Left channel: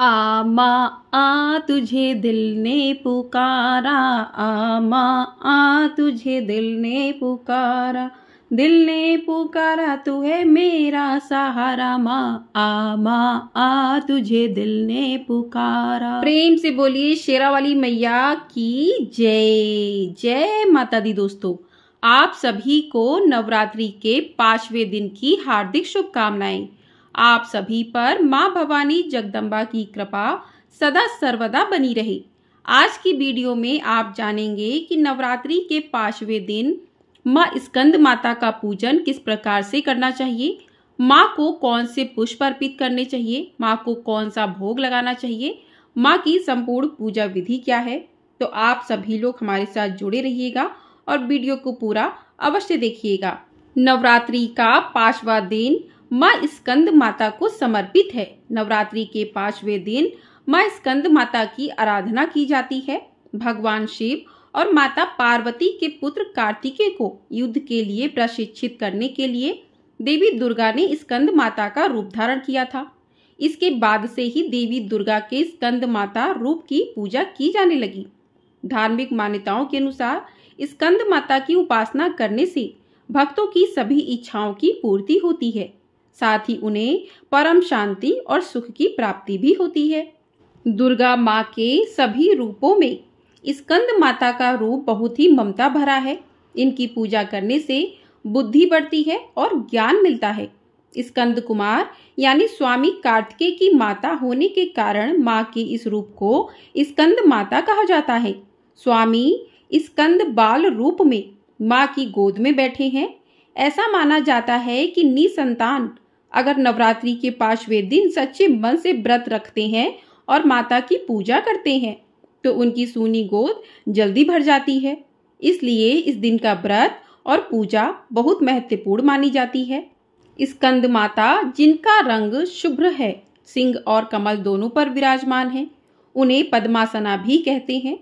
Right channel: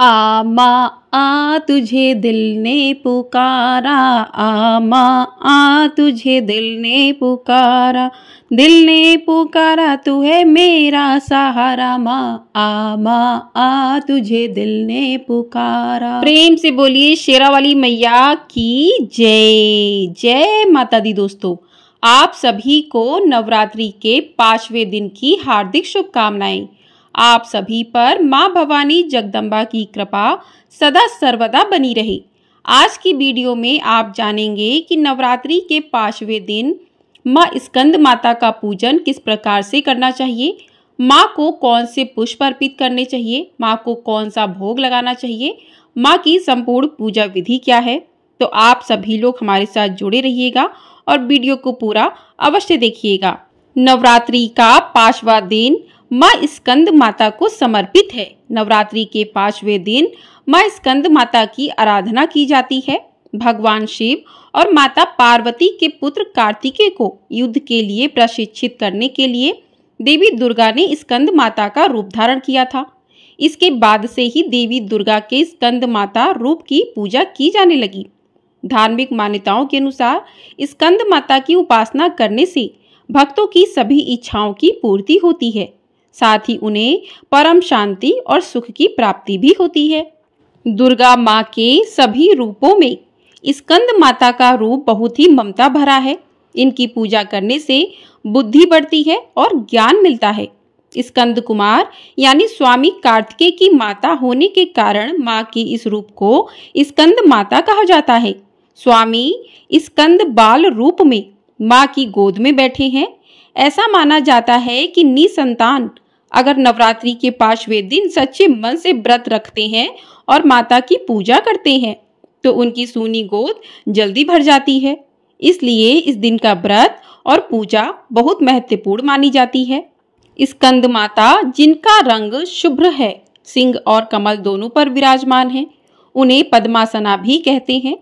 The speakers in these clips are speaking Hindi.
आ माँ आ तुझे दिल ने पुकारा, आ माँ आ तुझे दिल ने पुकारा, दिल ने पुकारा तू है मेरा सहारा, माँ आ तुझे दिल ने पुकारा। प्रेम से बोलिए शेरा वाली मैया की जय। जय माता दी। दोस्तों, आप सभी को नवरात्रि के 5वें दिन की हार्दिक शुभकामनाएं। आप सभी पर माँ भवानी जगदम्बा की कृपा सदा सर्वदा बनी रहे। आज की वीडियो में आप जानेंगे कि नवरात्रि के 5वें दिन माँ स्कंद माता का पूजन किस प्रकार से करना चाहिए, माँ को कौन से पुष्प अर्पित करने चाहिए, माँ को कौन सा भोग लगाना चाहिए, माँ की संपूर्ण पूजा विधि क्या है। तो आप सभी लोग हमारे साथ जुड़े रहिएगा और वीडियो को पूरा अवश्य देखिएगा। नवरात्रि का 5वां दिन माँ स्कंद माता को समर्पित है। नवरात्रि के 5वें दिन माँ स्कंद माता की आराधना की जाती है। भगवान शिव और माता पार्वती के पुत्र कार्तिकेय को युद्ध के लिए प्रशिक्षित करने के लिए देवी दुर्गा ने स्कंद माता का रूप धारण किया था। इसके बाद से ही देवी दुर्गा के स्कंद माता रूप की पूजा की जाने लगी। धार्मिक मान्यताओं के अनुसार स्कंद माता की उपासना करने से भक्तों की सभी इच्छाओं की पूर्ति होती है, साथ ही उन्हें परम शांति और सुख की प्राप्ति भी होती है। दुर्गा माँ के सभी रूपों में स्कंद माता का रूप बहुत ही ममता भरा है। इनकी पूजा करने से बुद्धि बढ़ती है और ज्ञान मिलता है। स्कंद कुमार यानी स्वामी कार्तिकेय की माता होने के कारण माँ के इस रूप को स्कंद माता कहा जाता है। स्वामी स्कंद बाल रूप में माँ की गोद में बैठे हैं। ऐसा माना जाता है कि निसंतान अगर नवरात्रि के 5वें दिन सच्चे मन से व्रत रखते हैं और माता की पूजा करते हैं तो उनकी सूनी गोद जल्दी भर जाती है। इसलिए इस दिन का व्रत और पूजा बहुत महत्वपूर्ण मानी जाती है। स्कंद माता जिनका रंग शुभ्र है, सिंह और कमल दोनों पर विराजमान है, उन्हें पद्मासना भी कहते हैं।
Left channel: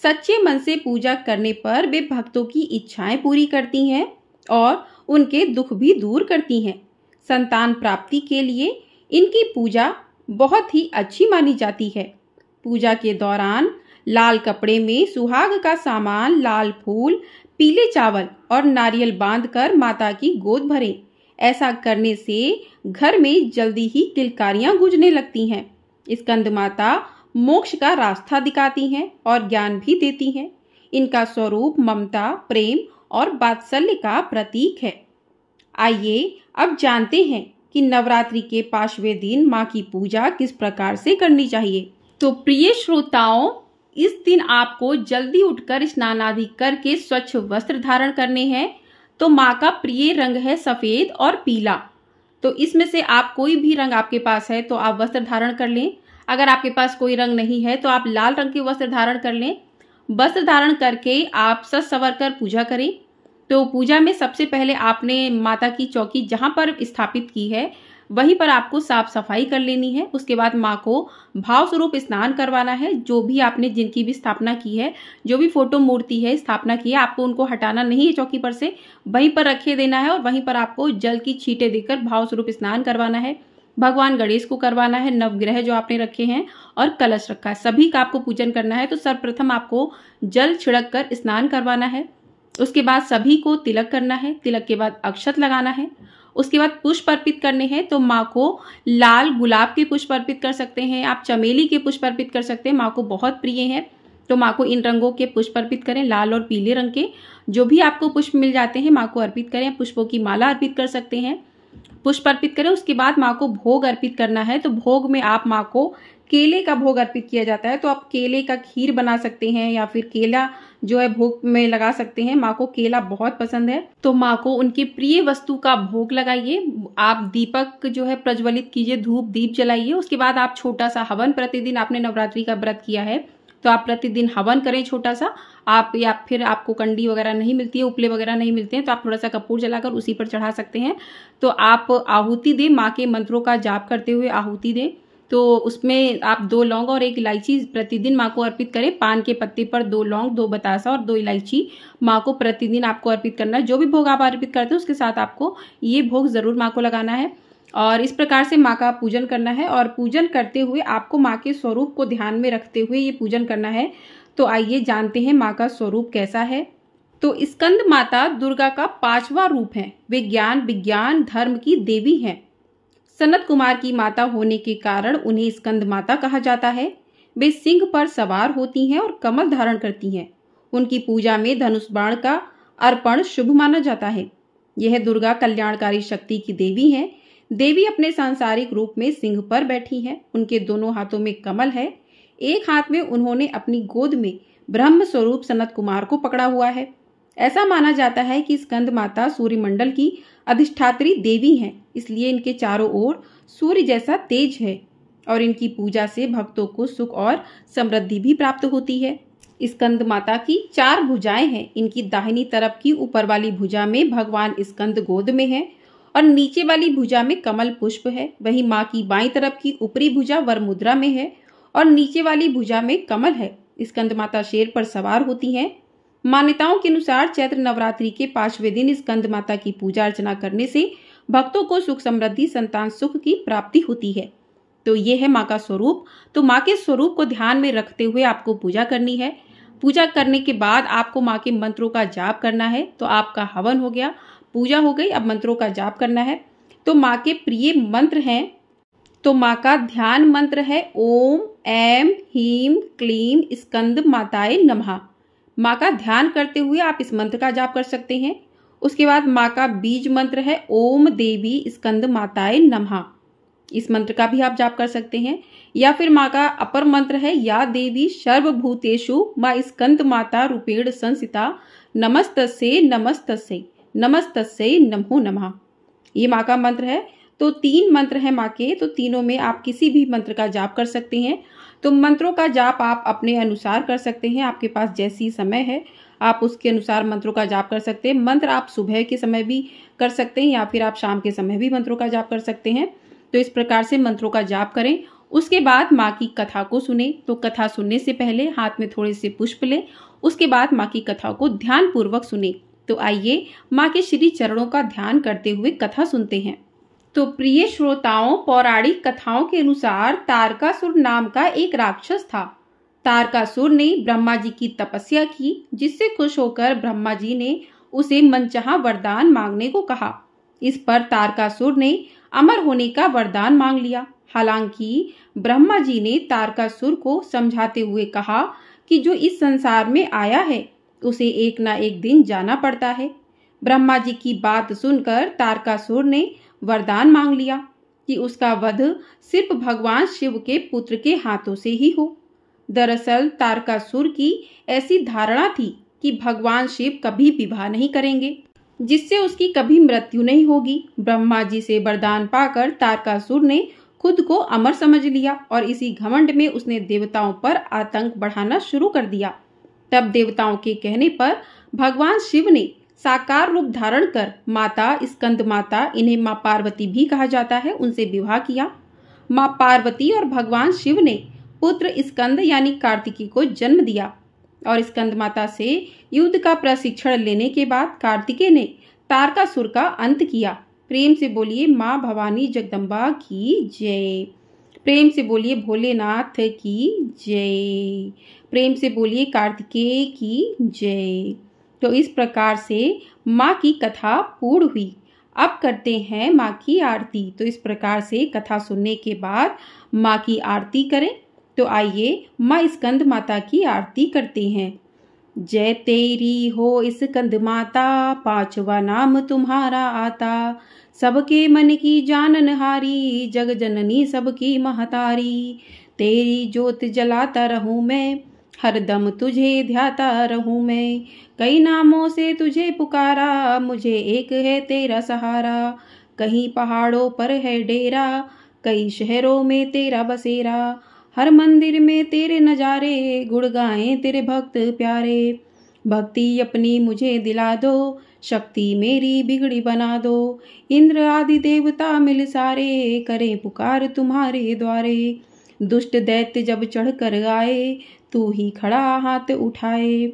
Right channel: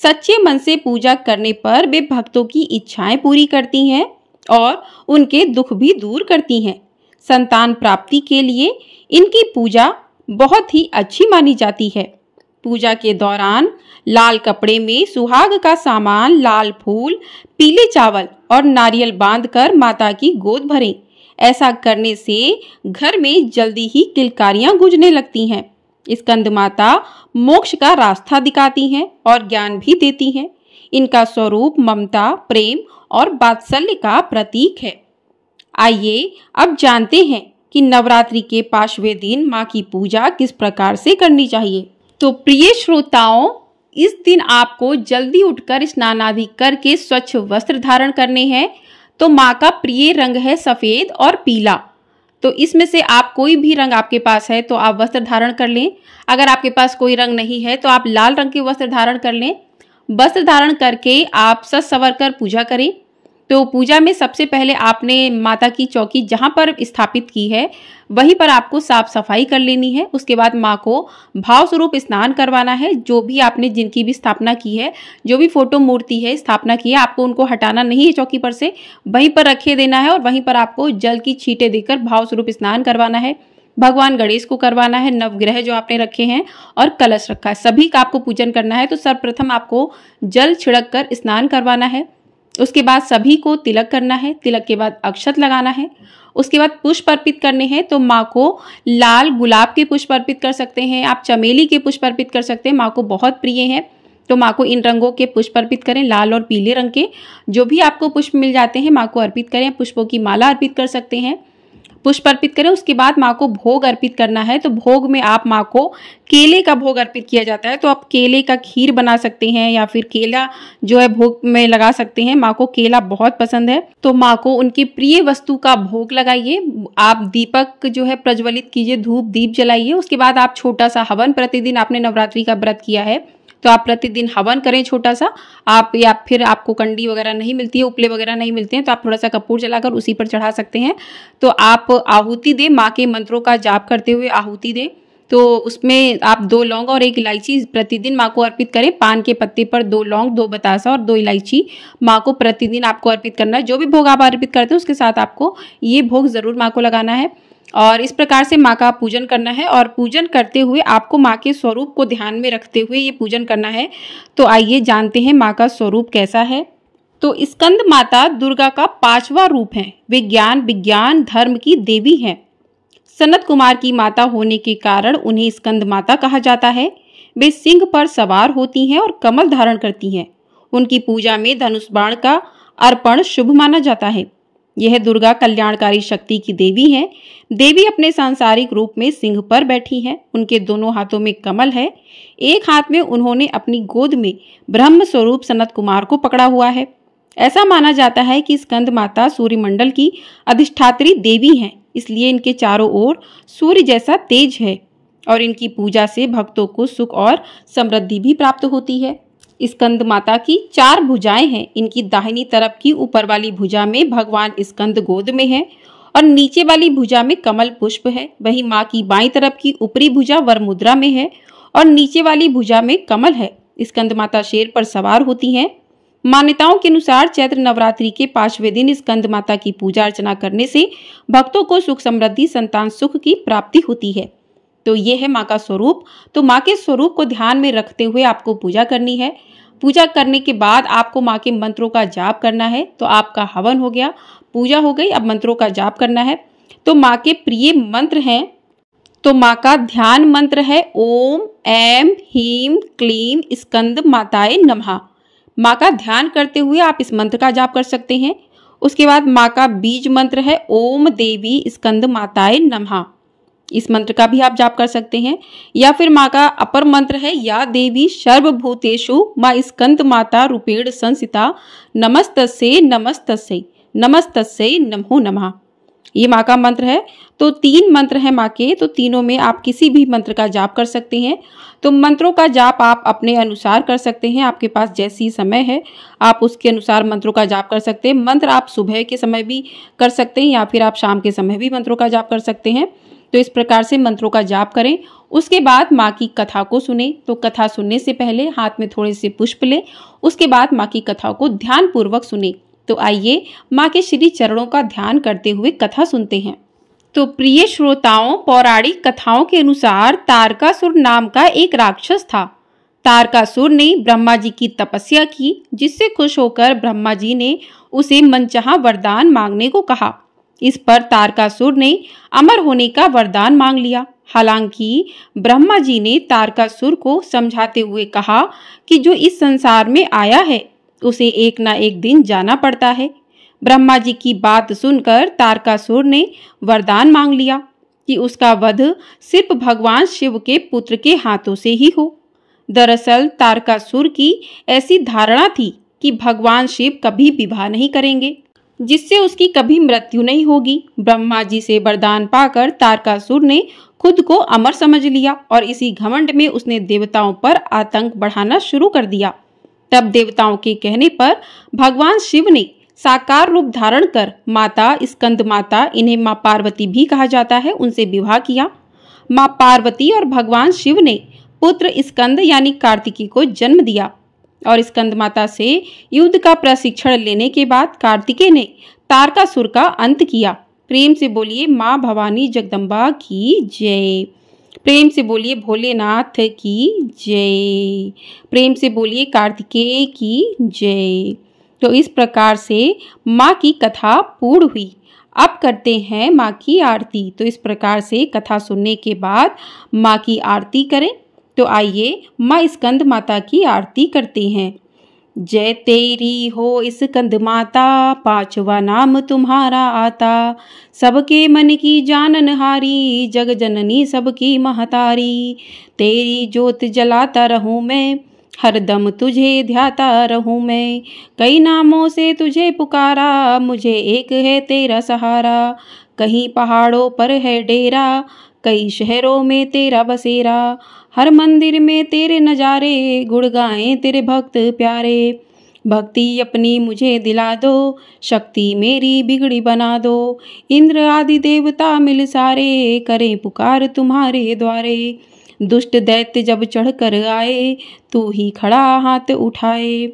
सच्चे मन से पूजा करने पर वे भक्तों की इच्छाएं पूरी करती हैं और उनके दुख भी दूर करती हैं। संतान प्राप्ति के लिए इनकी पूजा बहुत ही अच्छी मानी जाती है। पूजा के दौरान लाल कपड़े में सुहाग का सामान, लाल फूल, पीले चावल और नारियल बांधकर माता की गोद भरें। ऐसा करने से घर में जल्दी ही किलकारियां गूंजने लगती हैं। स्कंद माता मोक्ष का रास्ता दिखाती हैं और ज्ञान भी देती हैं। इनका स्वरूप ममता, प्रेम और वात्सल्य का प्रतीक है। आइए अब जानते हैं कि नवरात्रि के 5वें दिन माँ की पूजा किस प्रकार से करनी चाहिए। तो प्रिय श्रोताओं, इस दिन आपको जल्दी उठकर स्नान आदि करके स्वच्छ वस्त्र धारण करने हैं। तो माँ का प्रिय रंग है सफेद और पीला। तो इसमें से आप कोई भी रंग आपके पास है तो आप वस्त्र धारण कर लें। अगर आपके पास कोई रंग नहीं है तो आप लाल रंग के वस्त्र धारण कर लें। वस्त्र धारण करके आप सज संवर कर पूजा करें। तो पूजा में सबसे पहले आपने माता की चौकी जहाँ पर स्थापित की है वहीं पर आपको साफ सफाई कर लेनी है। उसके बाद माँ को भाव स्वरूप स्नान करवाना है। जो भी आपने जिनकी भी स्थापना की है, जो भी फोटो मूर्ति है स्थापना की है, आपको उनको हटाना नहीं है चौकी पर से, वहीं पर रखे देना है और वहीं पर आपको जल की छींटे देकर भाव स्वरूप स्नान करवाना है। भगवान गणेश को करवाना है, नवग्रह जो आपने रखे हैं और कलश रखा है, सभी का आपको पूजन करना है। तो सर्वप्रथम आपको जल छिड़क कर स्नान करवाना है। उसके बाद सभी को तिलक करना है। तिलक के बाद अक्षत लगाना है। उसके बाद पुष्प अर्पित करने हैं। तो माँ को लाल गुलाब के पुष्प अर्पित कर सकते हैं, आप चमेली के पुष्प अर्पित कर सकते हैं, माँ को बहुत प्रिय है। तो माँ को इन रंगों के पुष्प अर्पित करें, लाल और पीले रंग के जो भी आपको पुष्प मिल जाते हैं माँ को अर्पित करें। पुष्पों की माला अर्पित कर सकते हैं, पुष्प अर्पित करें। उसके बाद माँ को भोग अर्पित करना है। तो भोग में आप माँ को केले का भोग अर्पित किया जाता है। तो आप केले का खीर बना सकते हैं या फिर केला जो है भोग में लगा सकते हैं। माँ को केला बहुत पसंद है तो माँ को उनकी प्रिय वस्तु का भोग लगाइए। आप दीपक जो है प्रज्वलित कीजिए, धूप दीप जलाइए। उसके बाद आप छोटा सा हवन, प्रतिदिन आपने नवरात्रि का व्रत किया है तो आप प्रतिदिन हवन करें छोटा सा। आप या फिर आपको कंडी वगैरह नहीं मिलती है, उपले वगैरह नहीं मिलते हैं तो आप थोड़ा सा कपूर जलाकर उसी पर चढ़ा सकते हैं। तो आप आहुति दें, माँ के मंत्रों का जाप करते हुए आहुति दें। तो उसमें आप 2 लौंग और 1 इलायची प्रतिदिन माँ को अर्पित करें। पान के पत्ते पर 2 लौंग, 2 बतासा और 2 इलायची माँ को प्रतिदिन आपको अर्पित करना है। जो भी भोग आप अर्पित करते हैं उसके साथ आपको ये भोग जरूर माँ को लगाना है। और इस प्रकार से माँ का पूजन करना है। और पूजन करते हुए आपको माँ के स्वरूप को ध्यान में रखते हुए ये पूजन करना है। तो आइए जानते हैं माँ का स्वरूप कैसा है। तो स्कंद माता दुर्गा का 5वां रूप है। वे ज्ञान विज्ञान धर्म की देवी हैं। सनत कुमार की माता होने के कारण उन्हें स्कंद माता कहा जाता है। वे सिंह पर सवार होती हैं और कमल धारण करती हैं। उनकी पूजा में धनुष बाण का अर्पण शुभ माना जाता है। यह दुर्गा कल्याणकारी शक्ति की देवी है। देवी अपने सांसारिक रूप में सिंह पर बैठी हैं। उनके दोनों हाथों में कमल है। एक हाथ में उन्होंने अपनी गोद में ब्रह्म स्वरूप सनत कुमार को पकड़ा हुआ है। ऐसा माना जाता है कि स्कंद माता सूर्यमंडल की अधिष्ठात्री देवी हैं, इसलिए इनके चारों ओर सूर्य जैसा तेज है और इनकी पूजा से भक्तों को सुख और समृद्धि भी प्राप्त होती है। स्कंद माता की 4 भुजाएं हैं। इनकी दाहिनी तरफ की ऊपर वाली भुजा में भगवान स्कंद गोद में है और नीचे वाली भुजा में कमल पुष्प है। वहीं माँ की बाईं तरफ की ऊपरी भुजा वर मुद्रा में है और नीचे वाली भुजा में कमल है। स्कंद माता शेर पर सवार होती हैं। मान्यताओं के अनुसार चैत्र नवरात्रि के 5वें दिन स्कंद माता की पूजा अर्चना करने से भक्तों को सुख समृद्धि संतान सुख की प्राप्ति होती है। तो ये है माँ का स्वरूप। तो माँ के स्वरूप को ध्यान में रखते हुए आपको पूजा करनी है। पूजा करने के बाद आपको माँ के मंत्रों का जाप करना है। तो आपका हवन हो गया, पूजा हो गई, अब मंत्रों का जाप करना है। तो माँ के प्रिय मंत्र हैं। तो माँ का ध्यान मंत्र है ओम ऐं ह्रीं क्लीं स्कंद माताय नमः। माँ का ध्यान करते हुए आप इस मंत्र का जाप कर सकते हैं। उसके बाद माँ का बीज मंत्र है ओम देवी स्कंद माताय नमः। इस मंत्र का भी आप जाप कर सकते हैं। या फिर माँ का अपर मंत्र है या देवी सर्वभूतेषु माँ स्कंद माता रूपेण संस्थिता नमस्तस्यै नमस्तस्यै नमस्तस्यै नमो नमः। ये माँ का मंत्र है। तो 3 मंत्र हैं माँ के, तो तीनों में आप किसी भी मंत्र का जाप कर सकते हैं। तो मंत्रों का जाप आप अपने अनुसार कर सकते हैं। आपके पास जैसी समय है आप उसके अनुसार मंत्रों का जाप कर सकते हैं। मंत्र आप सुबह के समय भी कर सकते हैं या फिर आप शाम के समय भी मंत्रों का जाप कर सकते हैं। तो इस प्रकार से मंत्रों का जाप करें। उसके बाद माँ की कथा को सुने। तो कथा सुनने से पहले हाथ में थोड़े से पुष्प लें। उसके बाद माँ की कथा को ध्यान पूर्वक सुने। तो आइए माँ के श्री चरणों का ध्यान करते हुए कथा सुनते हैं। तो प्रिय श्रोताओं, पौराणिक कथाओं के अनुसार तारकासुर नाम का एक राक्षस था। तारकासुर ने ब्रह्मा जी की तपस्या की, जिससे खुश होकर ब्रह्मा जी ने उसे मनचाहा वरदान मांगने को कहा। इस पर तारकासुर ने अमर होने का वरदान मांग लिया। हालांकि ब्रह्मा जी ने तारकासुर को समझाते हुए कहा कि जो इस संसार में आया है उसे एक ना एक दिन जाना पड़ता है। ब्रह्मा जी की बात सुनकर तारकासुर ने वरदान मांग लिया कि उसका वध सिर्फ भगवान शिव के पुत्र के हाथों से ही हो। दरअसल तारकासुर की ऐसी धारणा थी कि भगवान शिव कभी विवाह नहीं करेंगे, जिससे उसकी कभी मृत्यु नहीं होगी। ब्रह्मा जी से वरदान पाकर तारकासुर ने खुद को अमर समझ लिया और इसी घमंड में उसने देवताओं पर आतंक बढ़ाना शुरू कर दिया। तब देवताओं के कहने पर भगवान शिव ने साकार रूप धारण कर माता स्कंद माता, इन्हें माँ पार्वती भी कहा जाता है, उनसे विवाह किया। माँ पार्वती और भगवान शिव ने पुत्र स्कंद यानी कार्तिकी को जन्म दिया और स्कंद माता से युद्ध का प्रशिक्षण लेने के बाद कार्तिकेय ने तारकासुर का अंत किया। प्रेम से बोलिए माँ भवानी जगदम्बा की जय। प्रेम से बोलिए भोलेनाथ की जय। प्रेम से बोलिए कार्तिकेय की जय। तो इस प्रकार से माँ की कथा पूर्ण हुई। अब करते हैं माँ की आरती। तो इस प्रकार से कथा सुनने के बाद माँ की आरती करें। तो आइए माँ स्कंद माता की आरती करते हैं। जय तेरी हो स्कंद माता, 5वां नाम तुम्हारा आता। सबके मन की जाननहारी, जग जननी सबकी महतारी। तेरी ज्योत जलाता रहूं मैं, हरदम तुझे ध्याता रहूं मैं। कई नामों से तुझे पुकारा, मुझे एक है तेरा सहारा। कहीं पहाड़ों पर है डेरा, कई शहरों में तेरा बसेरा। हर मंदिर में तेरे नजारे, गुण गाएं तेरे भक्त प्यारे। भक्ति अपनी मुझे दिला दो, शक्ति मेरी बिगड़ी बना दो। इंद्र आदि देवता मिल सारे, करें पुकार तुम्हारे द्वारे। दुष्ट दैत्य जब चढ़ कर आए, तू ही खड़ा हाथ उठाए।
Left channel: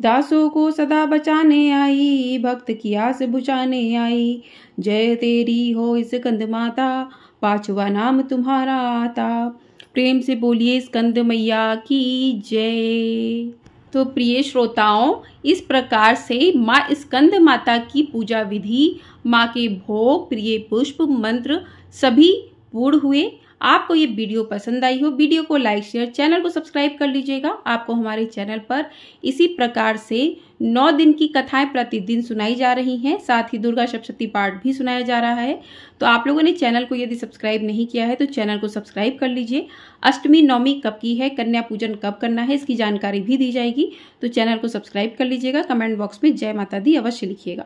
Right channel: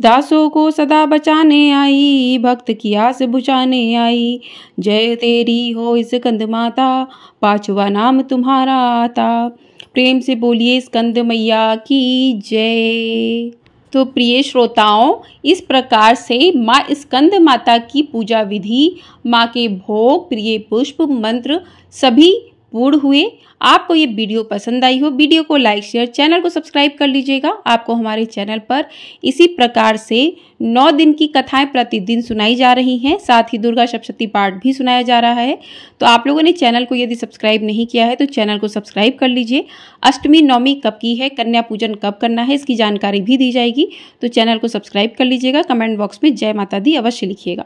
दासों को सदा बचाने आई, भक्त की आस बुझाने आई। जय तेरी हो स्कंद माता, पांचवा नाम तुम्हारा आता। प्रेम से बोलिए स्कंद मैया की जय। तो प्रिय श्रोताओं, इस प्रकार से माँ स्कंद माता की पूजा विधि, माँ के भोग, प्रिय पुष्प, मंत्र सभी पूर्ण हुए। आपको ये वीडियो पसंद आई हो, वीडियो को लाइक शेयर, चैनल को सब्सक्राइब कर लीजिएगा। आपको हमारे चैनल पर इसी प्रकार से 9 दिन की कथाएं प्रतिदिन सुनाई जा रही हैं, साथ ही दुर्गा सप्तशती पाठ भी सुनाया जा रहा है। तो आप लोगों ने चैनल को यदि सब्सक्राइब नहीं किया है तो चैनल को सब्सक्राइब कर लीजिए। अष्टमी नवमी कब की है, कन्या पूजन कब करना है, इसकी जानकारी भी दी जाएगी। तो चैनल को सब्सक्राइब कर लीजिएगा। कमेंट बॉक्स में जय माता दी अवश्य लिखिएगा।